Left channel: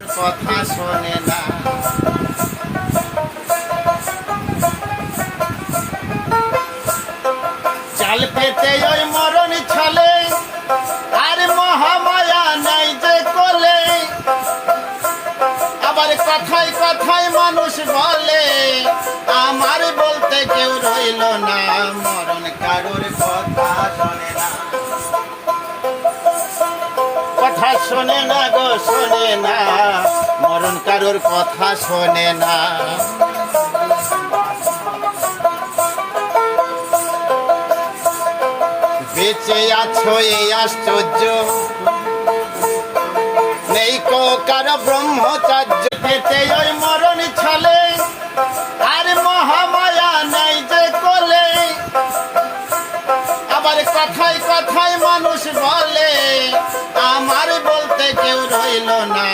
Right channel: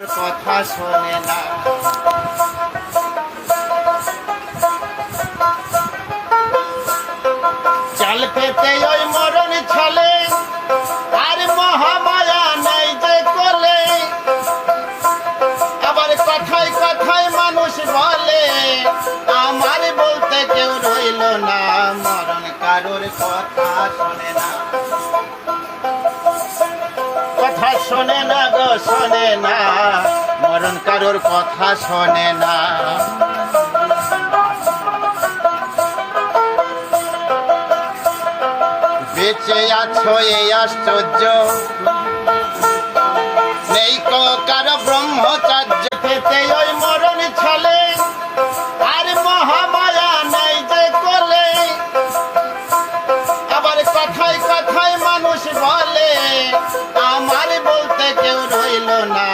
কথা শোনে না। চাল পেতে ওই মরণ ছলে, আর মহামায়া নাই যে কোলে। আবার কথায় কথায় মানুষ বলে, আমার বলতে কেউ রইল না। মরণ কারোর কথা শোনে না, কথা শোনে না গো, শোনে না। মরণ কারোর কথা শোনে না। বেঁচে আছো এই আশ্চর্য, নেই কো কারো ব্রহ্মচর্য। পেতে ওই মরণ ছলে, আর মহামায়া নাই যে কোলে। আবার কথায় কথায় মানুষ বলে, আমার বলতে কেউ রইল না।